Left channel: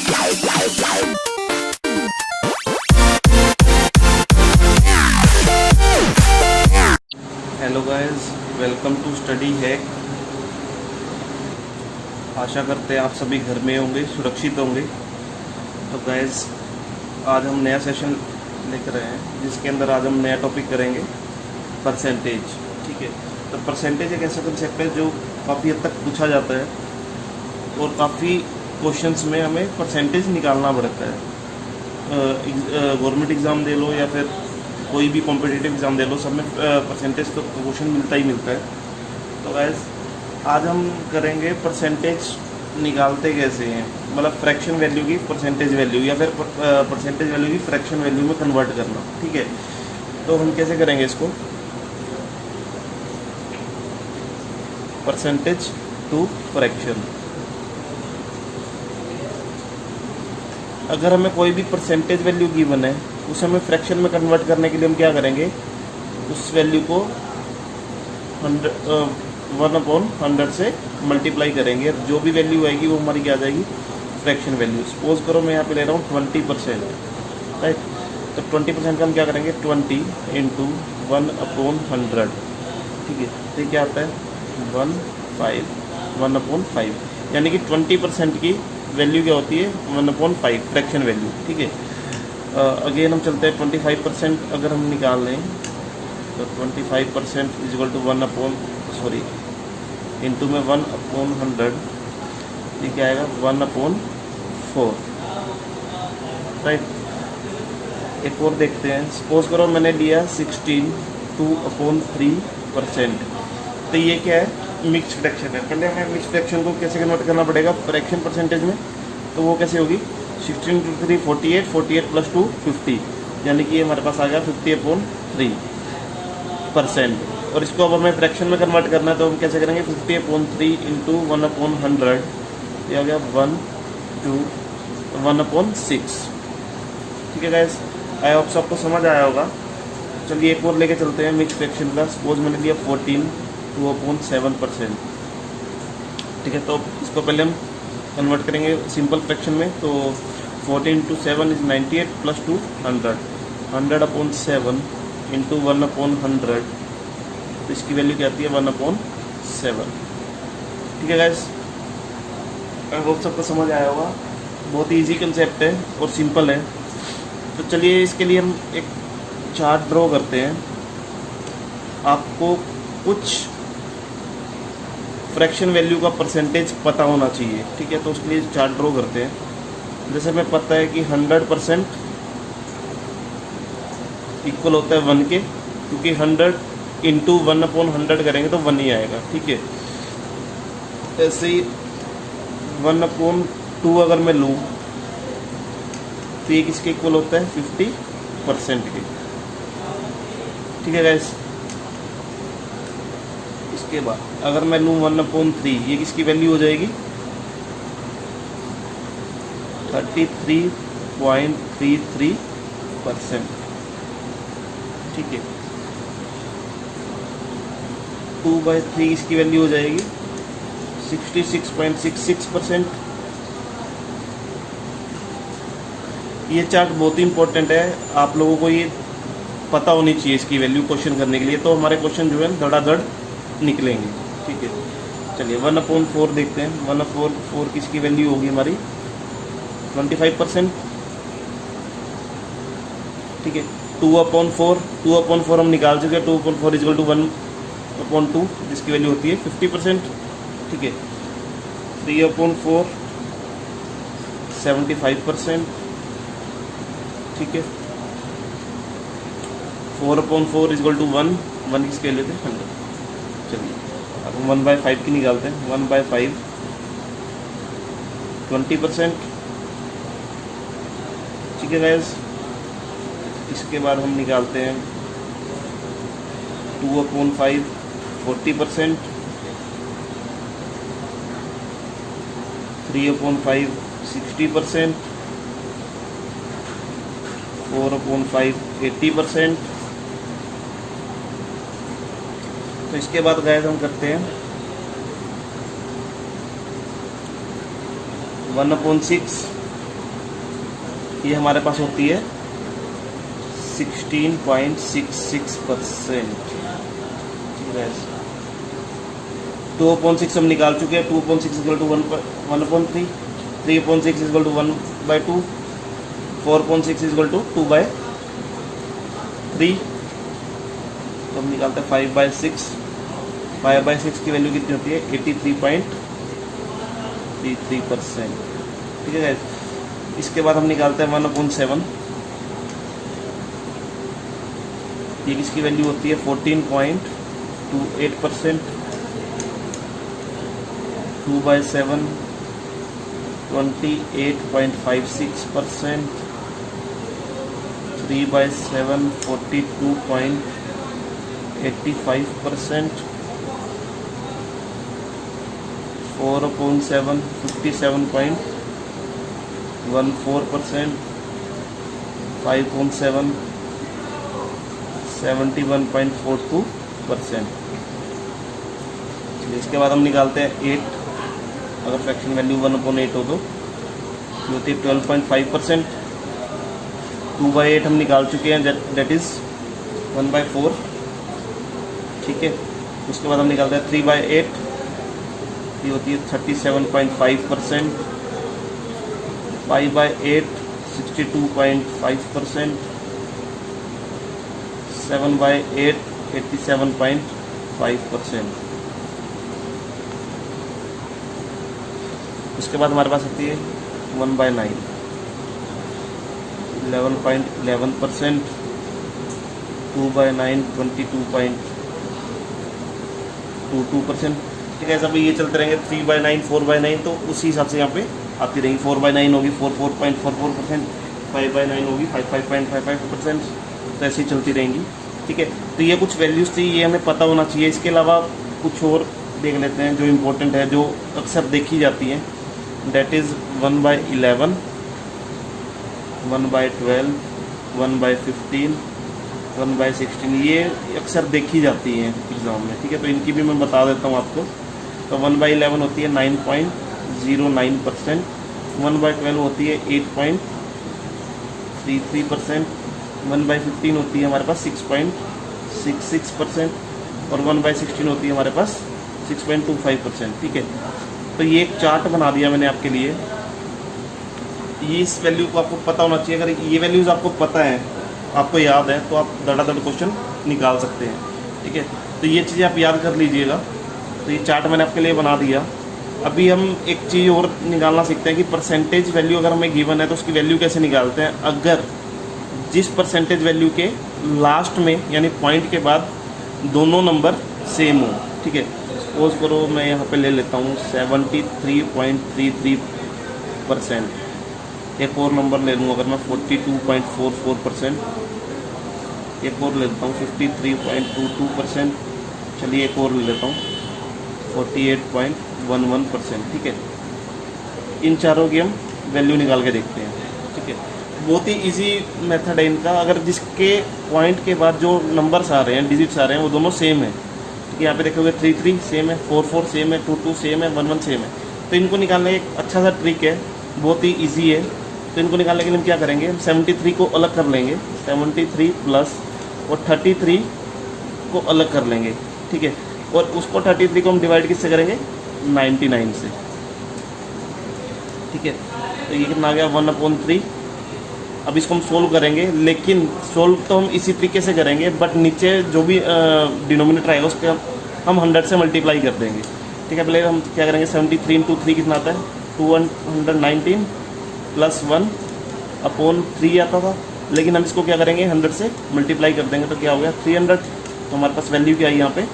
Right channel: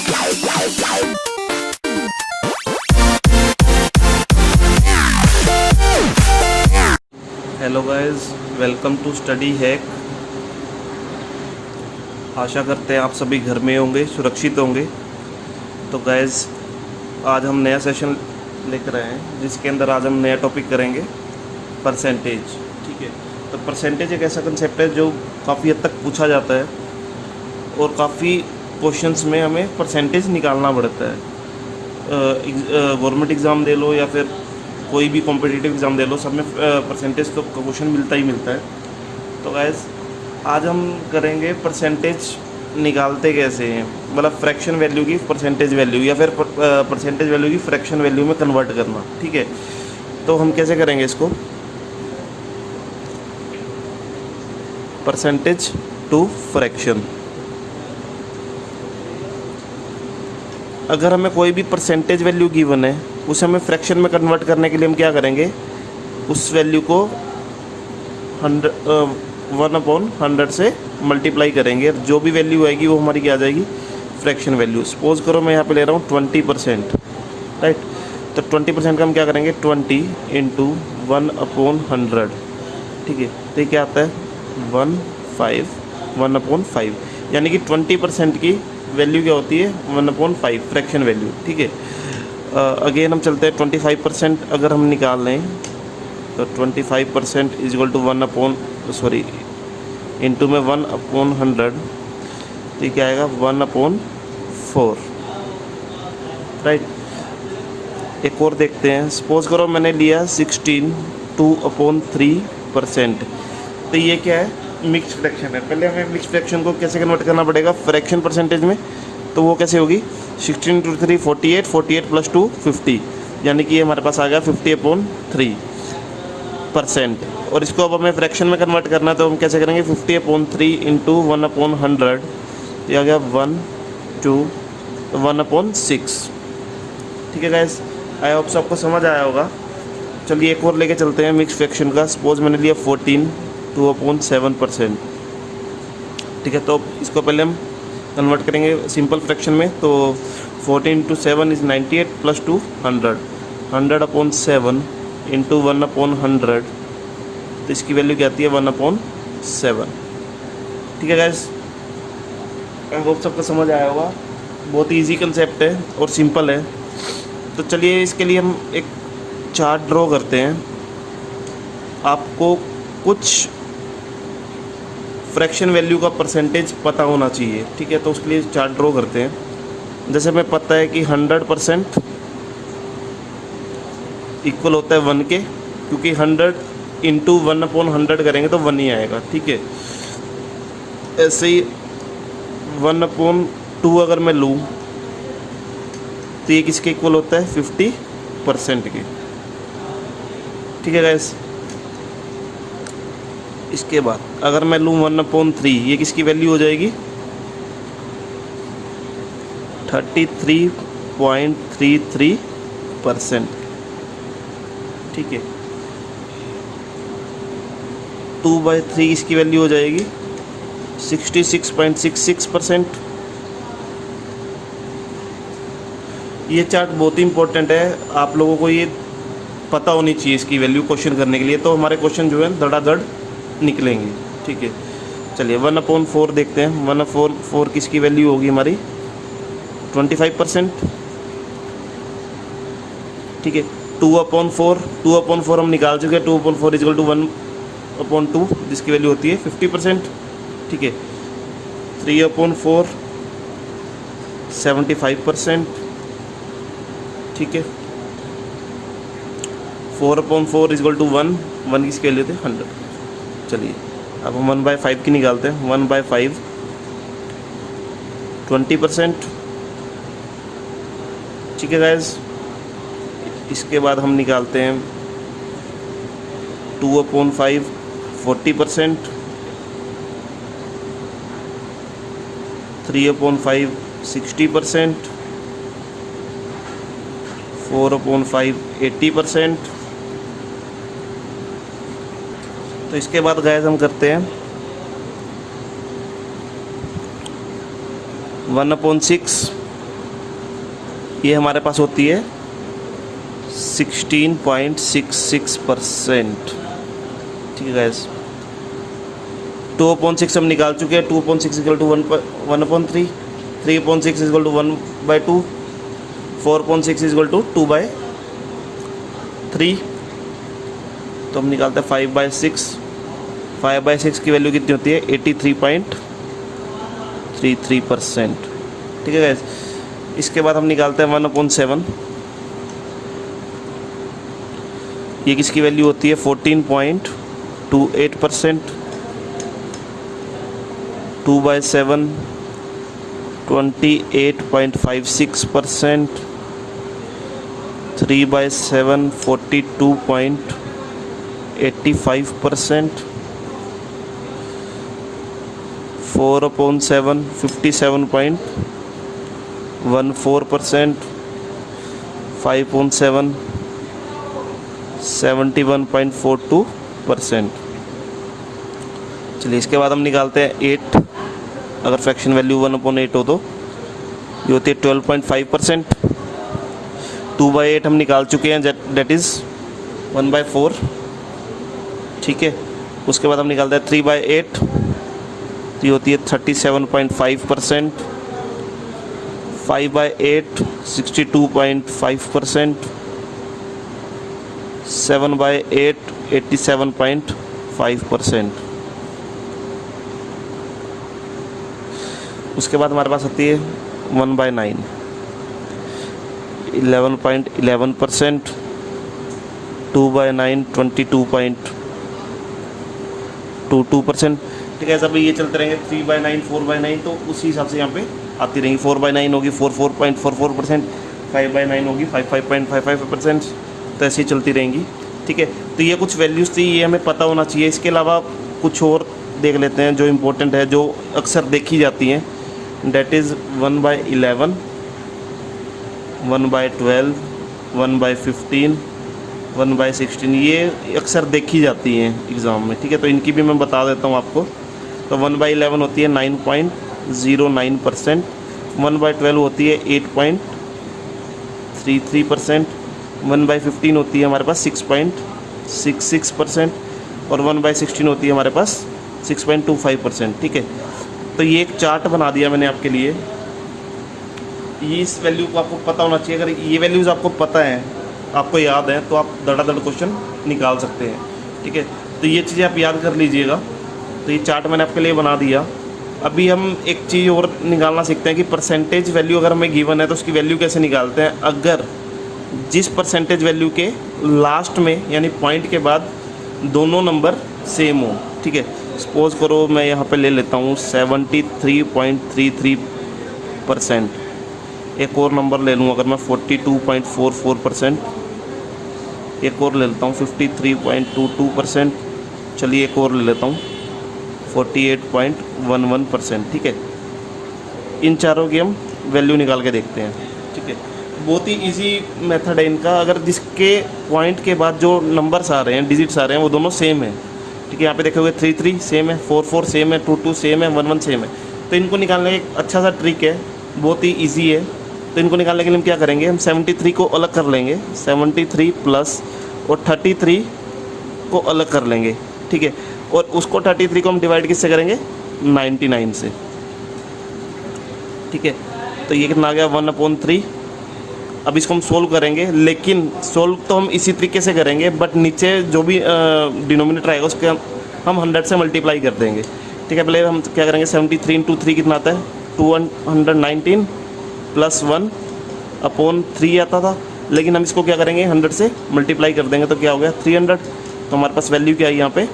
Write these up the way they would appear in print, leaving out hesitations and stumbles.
Hello guys, welcome to study hack. आशा करते हैं आप सभी घर में होंगे, सुरक्षित होंगे। तो गाइस, आज हम नया सेशन लेकर आए हैं जिसके अंदर आज हम नया टॉपिक करेंगे, परसेंटेज। ठीक है, तो परसेंटेज एक ऐसा कंसेप्ट है जो काफ़ी हद तक पूछा जाता है और काफ़ी क्वेश्चंस में हमें परसेंटेज निकालना पड़ता है। गवर्नमेंट एग्ज़ाम दे लो या फिर कोई भी कॉम्पिटिटिव एग्ज़ाम दे लो, सब में परसेंटेज तो क्वेश्चन मिलता ही मिलता है। तो गाइस, आज हम करेंगे परसेंटेज निकालते कैसे हैं, मतलब फ्रैक्शन वैल्यू की परसेंटेज वैल्यू या फिर परसेंटेज वैल्यू की फ्रैक्शन वैल्यू में कन्वर्ट करना। ठीक है, तो हम कैसे करेंगे इसको, परसेंटेज टू फ्रैक्शन। अगर हमें कोई भी परसेंटेज वैल्यू गिवन है, उसे हमें फ्रैक्शन में कन्वर्ट करने के लिए हम क्या करेंगे, उस वैल्यू को 1/100 से मल्टीप्लाई करेंगे। जो भी वैल्यू आएगी वो हमारी क्या आ जाएगी, फ्रैक्शन वैल्यू। सपोज करो मैं यहाँ पे ले रहा हूँ 20%, राइट। तो 20% का हम क्या करेंगे, 20 × 1/100। ठीक है, तो ये क्या आता है 1/5, यानी कि 20% की वैल्यू क्या होती है 1/5 फ्रैक्शन वैल्यू। ठीक है, अगेन हम चलते हैं 25% अगर हम निकाल लें तो 25% = 1/, इंटू में 1/100, तो क्या आएगा 1/4, राइट। एक और देखते हैं, सपोज करो मैंने लिया 16 2/3%, तो ये क्या है, मिक्स फ्रैक्शन है। पहले हमें मिक्स फ्रैक्शन को कैसे कन्वर्ट करना पड़ेगा फ्रैक्शन परसेंटेज में, तो वो कैसे होगी, 16 × 3 48, 48 + 2 50, यानी कि ये हमारे पास आ गया 50/3%। और इसको अब हमें फ्रैक्शन में कन्वर्ट करना है, तो हम कैसे करेंगे, 50/3 × 1/100, ये आ गया 1 2 1/6। ठीक है गाइस, आई होप आपको समझ आया होगा। चलिए एक और लेके चलते हैं मिक्स फ्रैक्शन का। सपोज मैंने लिया 14 2/7%। ठीक है, तो इसको पहले हम कन्वर्ट करेंगे सिंपल फ्रैक्शन में। तो 14 × 7 = 98 + 2 100, 100/7 × 1/100, तो इसकी वैल्यू क्या आती है 1/7। ठीक है गाइस, वो सबको समझ आया होगा। बहुत ईजी कंसेप्ट है और सिंपल है। तो चलिए इसके लिए हम एक चार्ट ड्रॉ करते हैं। आपको कुछ फ्रैक्शन वैल्यू का परसेंटेज पता होना चाहिए। ठीक है, तो उसके लिए चार्ट ड्रॉ करते हैं। जैसे हमें पता है कि 100% इक्वल होता है 1 के, क्योंकि 100 × 1/100 करेंगे तो 1 ही आएगा। ठीक है, ऐसे ही 1/2 अगर मैं लूँ तो ये किसके इक्वल होता है 50% के। ठीक है गाइस, इसके बाद अगर मैं लूँ 1/3, ये किसकी वैल्यू हो जाएगी 33.33%। ठीक है, 2/3 इसकी वैल्यू हो जाएगी 66.66%। ये चार्ट बहुत ही इंपॉर्टेंट है, आप लोगों को ये पता होनी चाहिए इसकी वैल्यू क्वेश्चन करने के लिए, तो हमारे क्वेश्चन जो है धड़ाधड़ निकलेंगे। ठीक है, चलिए 1/4 देखते हैं। 1/4 किसकी वैल्यू होगी हमारी 25%। ठीक है, 2/4 हम निकाल चुके हैं। 2/4 = 1/2, जिसकी वैल्यू होती है 50%। ठीक है, 3/4 75%। ठीक है, 4/4 = 1 किसकी वैल्यू होती है 100। चलिए अब हम 1/5 की निकालते हैं। 1/5 20%। ठीक है गाइस, इसके बाद हम निकालते हैं 2/5 40%, 3/5 60%, 4/5 80%। तो इसके बाद गाइस हम करते हैं 1/6 ये हमारे पास होती है 16.66%। ठीक है गाइस, 2/6 हम निकाल चुके हैं। 2/6 equal to 1/3, 3/6 equal to 1/2, 4/6 equal to 2/3। तो हम निकालते हैं 5/6। 5/6 की वैल्यू कितनी होती है? 83.33%। ठीक है गाइस, इसके बाद हम निकालते हैं 1/7। ये किसकी वैल्यू होती है? 14.28%। 2/7 28.56%। 3/7 42.85%। 4/7 57.14%। 5/7 71.42%। चलिए, इसके बाद हम निकालते हैं 8। अगर फ्रैक्शन वैल्यू 1/8 हो तो ये होती है 12.5%। 2/8 हम निकाल चुके हैं, डेट इज़ 1/4। ठीक है, उसके बाद हम निकालते हैं 3/8। ये होती है 37.5%। 5/8 62.5%। 7/8 87.5%। उसके बाद हमारे पास आती है 1/9 11.11%। 2/9 22.22%। ठीक है, अभी ये चलते रहेंगे। 3/9 4/9 तो उसी हिसाब से यहाँ पे आती रहेंगी। 4/9 होगी 44.44%। 5/9 होगी 55.55%। तो ऐसे ही चलती रहेंगी। ठीक है, तो ये कुछ वैल्यूज़ थी, ये हमें पता होना चाहिए। इसके अलावा कुछ और देख लेते हैं जो इम्पोर्टेंट है, जो अक्सर देखी जाती हैं। That is 1/11, 1/12, 1/15, 1/16। ये अक्सर देखी जाती हैं एग्ज़ाम में। ठीक है, तो इनकी भी मैं बता देता हूँ आपको। तो 1/11 होती है 9.09%। 1/12 होती है 8.33%। 1/15 होती है हमारे पास 6.66%। और 1/16 होती है हमारे पास 6.25%। ठीक है, तो ये एक चार्ट बना दिया मैंने आपके लिए। ये इस वैल्यू को आपको पता होना चाहिए। अगर ये वैल्यूज़ आपको पता है, आपको याद है, तो आप धड़ाधड़ क्वेश्चन निकाल सकते हैं। ठीक है, तो ये चीज़ें आप याद कर लीजिएगा। तो ये चार्ट मैंने आपके लिए बना दिया। अभी हम एक चीज़ और निकालना सीखते हैं कि परसेंटेज वैल्यू अगर हमें गिवन है तो उसकी वैल्यू कैसे निकालते हैं। अगर जिस परसेंटेज वैल्यू के लास्ट में यानी पॉइंट के बाद दोनों नंबर सेम हो। ठीक है, सपोज करो मैं यहाँ पे ले लेता हूँ 73.33%। एक और नंबर ले लूँ, अगर मैं 42.44%। एक और ले लेता हूँ 53.22%। चलिए एक और ले लेता हूँ 48.11%। ठीक है, इन चारों की हम वैल्यू निकाल के देखते हैं। ठीक है, बहुत ही इजी मेथड है इनका। अगर जिसके पॉइंट के बाद जो नंबर्स आ रहे हैं, डिजिट्स आ रहे हैं, वो दोनों सेम है। ठीक है, यहाँ पे देखोगे 33 सेम है, 44 सेम है, 22 सेम है, 11 सेम है। तो इनको निकालने एक अच्छा सा ट्रिक है, बहुत ही ईजी है। तो इनको निकालने के लिए हम क्या करेंगे, हम 73 को अलग कर लेंगे। 73 प्लस और 33 को अलग कर लेंगे। ठीक है, और उसको 33 को हम डिवाइड किससे करेंगे? 99 से। ठीक है, तो ये कितना आ गया? 1/3। अब इसको हम सोल्व करेंगे, लेकिन सोल्व तो हम इसी तरीके से करेंगे, बट नीचे जो भी डिनोमिनेटर आएगा उसके हम 100 से मल्टीप्लाई कर देंगे। ठीक है, पहले हम क्या करेंगे, 73 × 3 कितना आता है? 219 प्लस 1/3 आता था। लेकिन हम इसको क्या करेंगे, 100 से मल्टीप्लाई कर देंगे, तो क्या हो गया? 300। तो हमारे पास वैल्यू क्या है यहाँ पे?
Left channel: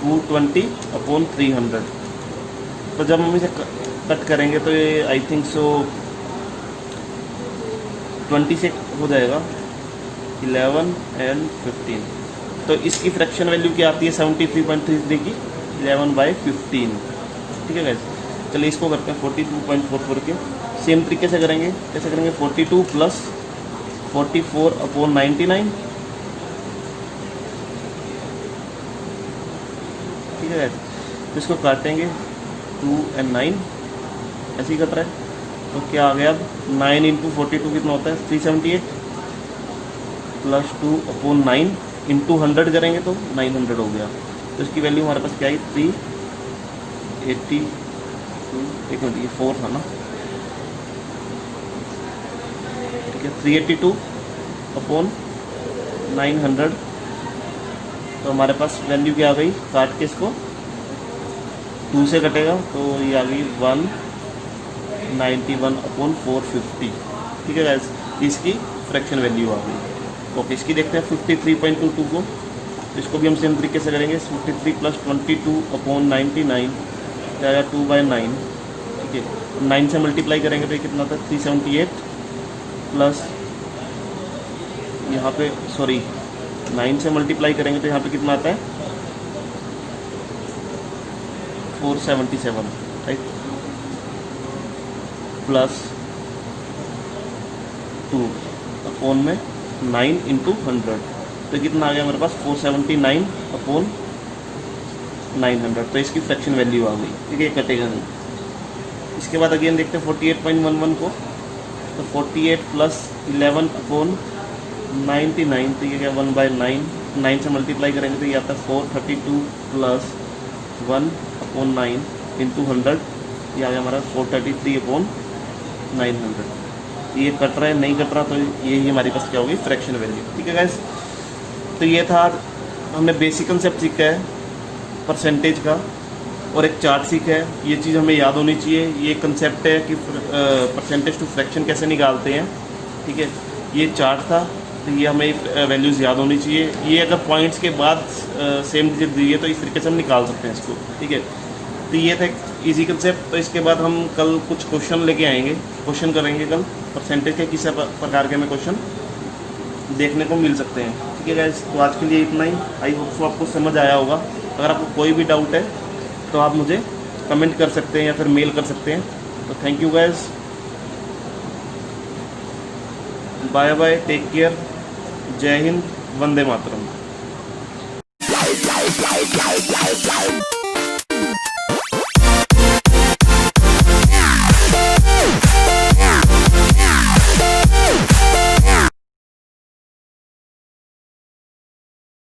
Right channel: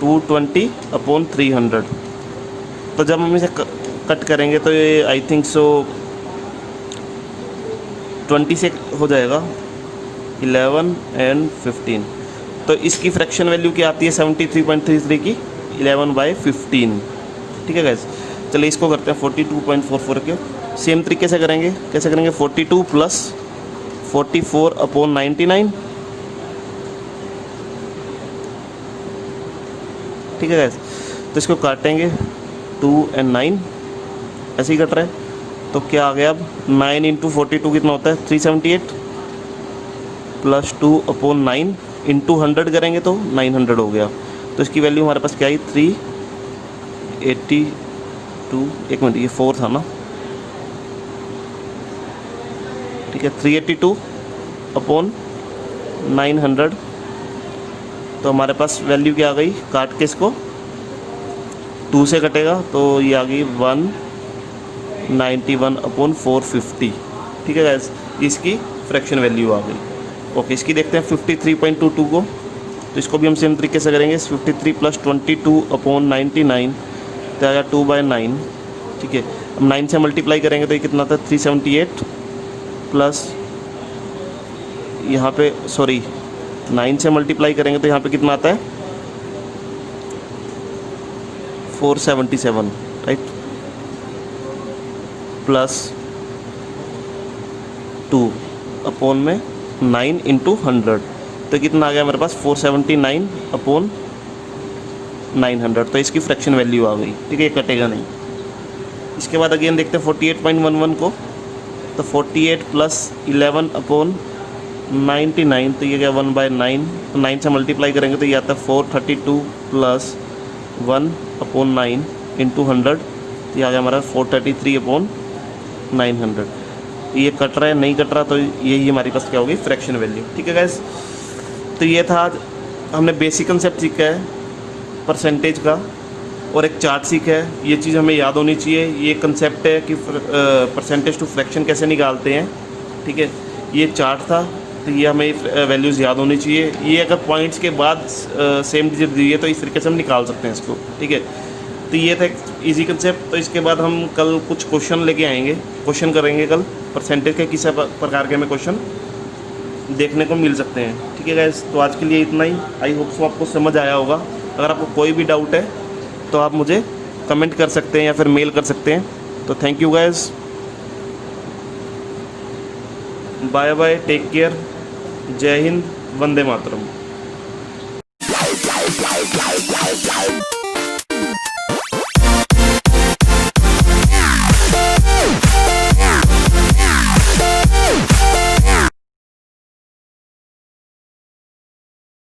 220/300। तो जब हम इसे कट करेंगे तो ये आई थिंक सो 20 से हो जाएगा, 11 और 15। तो इसकी फ्रैक्शन वैल्यू क्या आती है 73.33 की? 11/15। ठीक है गाइस, चलिए इसको करते हैं 42.44 के। सेम तरीके से करेंगे। कैसे करेंगे? 42 प्लस 44/99। ठीक है गाइस, तो इसको काटेंगे 2 और 9 ऐसे ही कट रहा है। तो क्या आ गया अब 9 इंटू 42 कितना होता है 378 प्लस 2/9 इंटू 100 करेंगे तो 900 हो गया। तो इसकी वैल्यू हमारे पास क्या आई 382, एक मिनट ये 4 था ना, ठीक है 382/900। तो हमारे पास वैल्यू क्या आ गई, काट के इसको 2 से कटेगा तो ये आ गई 191/450। ठीक है गाइस, इसकी फ्रैक्शन वैल्यू आ गई। ओके, इसकी देखते हैं 53.22 को। तो इसको भी हम सेम तरीके से करेंगे, 53 + 22/99 तो आएगा 2/9। ठीक है, अब 9 से मल्टीप्लाई करेंगे तो ये कितना था 378 प्लस यहाँ पे 9 से मल्टीप्लाई करेंगे तो यहाँ पे कितना आता है 477, राइट, प्लस 2/9 इंटू 100 तो कितना आ गया मेरे पास 479/900। तो इसकी फ्रैक्शन वैल्यू आ गई। ठीक है, ये कटेगा नहीं। इसके बाद अगेन देखते हैं 48.11 को। तो 48 + 11/99 तो ये क्या 1/9, 9 से मल्टीप्लाई करेंगे तो ये आता है 432 + 1/9 इंटू 100 तो ये आ गया हमारा 433/900। तो ये कट रहा है, नहीं कट रहा, तो यही हमारे पास क्या होगी फ्रैक्शन वैल्यू। ठीक है गाइस, तो ये था हमने बेसिक कंसेप्ट सीखा है परसेंटेज का और एक चार्ट सीखा है। ये चीज़ हमें याद होनी चाहिए। ये कंसेप्ट है कि परसेंटेज टू फ्रैक्शन कैसे निकालते हैं। ठीक है, ये चार्ट था, तो ये हमें वैल्यूज़ याद होनी चाहिए। ये अगर पॉइंट्स के बाद सेम डिजिट दी है तो इस तरीके से हम निकाल सकते हैं इसको। ठीक है, तो ये था एक ईजी कंसेप्ट। तो इसके बाद हम कल कुछ क्वेश्चन लेके आएंगे, क्वेश्चन करेंगे कल परसेंटेज के, किसी प्रकार के हमें क्वेश्चन देखने को मिल सकते हैं। ठीक है गाइस, तो आज के लिए इतना ही। आई होप सो आपको समझ आया होगा। अगर आपको कोई भी डाउट है तो आप मुझे कमेंट कर सकते हैं या फिर मेल कर सकते हैं। तो thank you guys, bye bye, take care, जय हिंद, वंदे मातरम।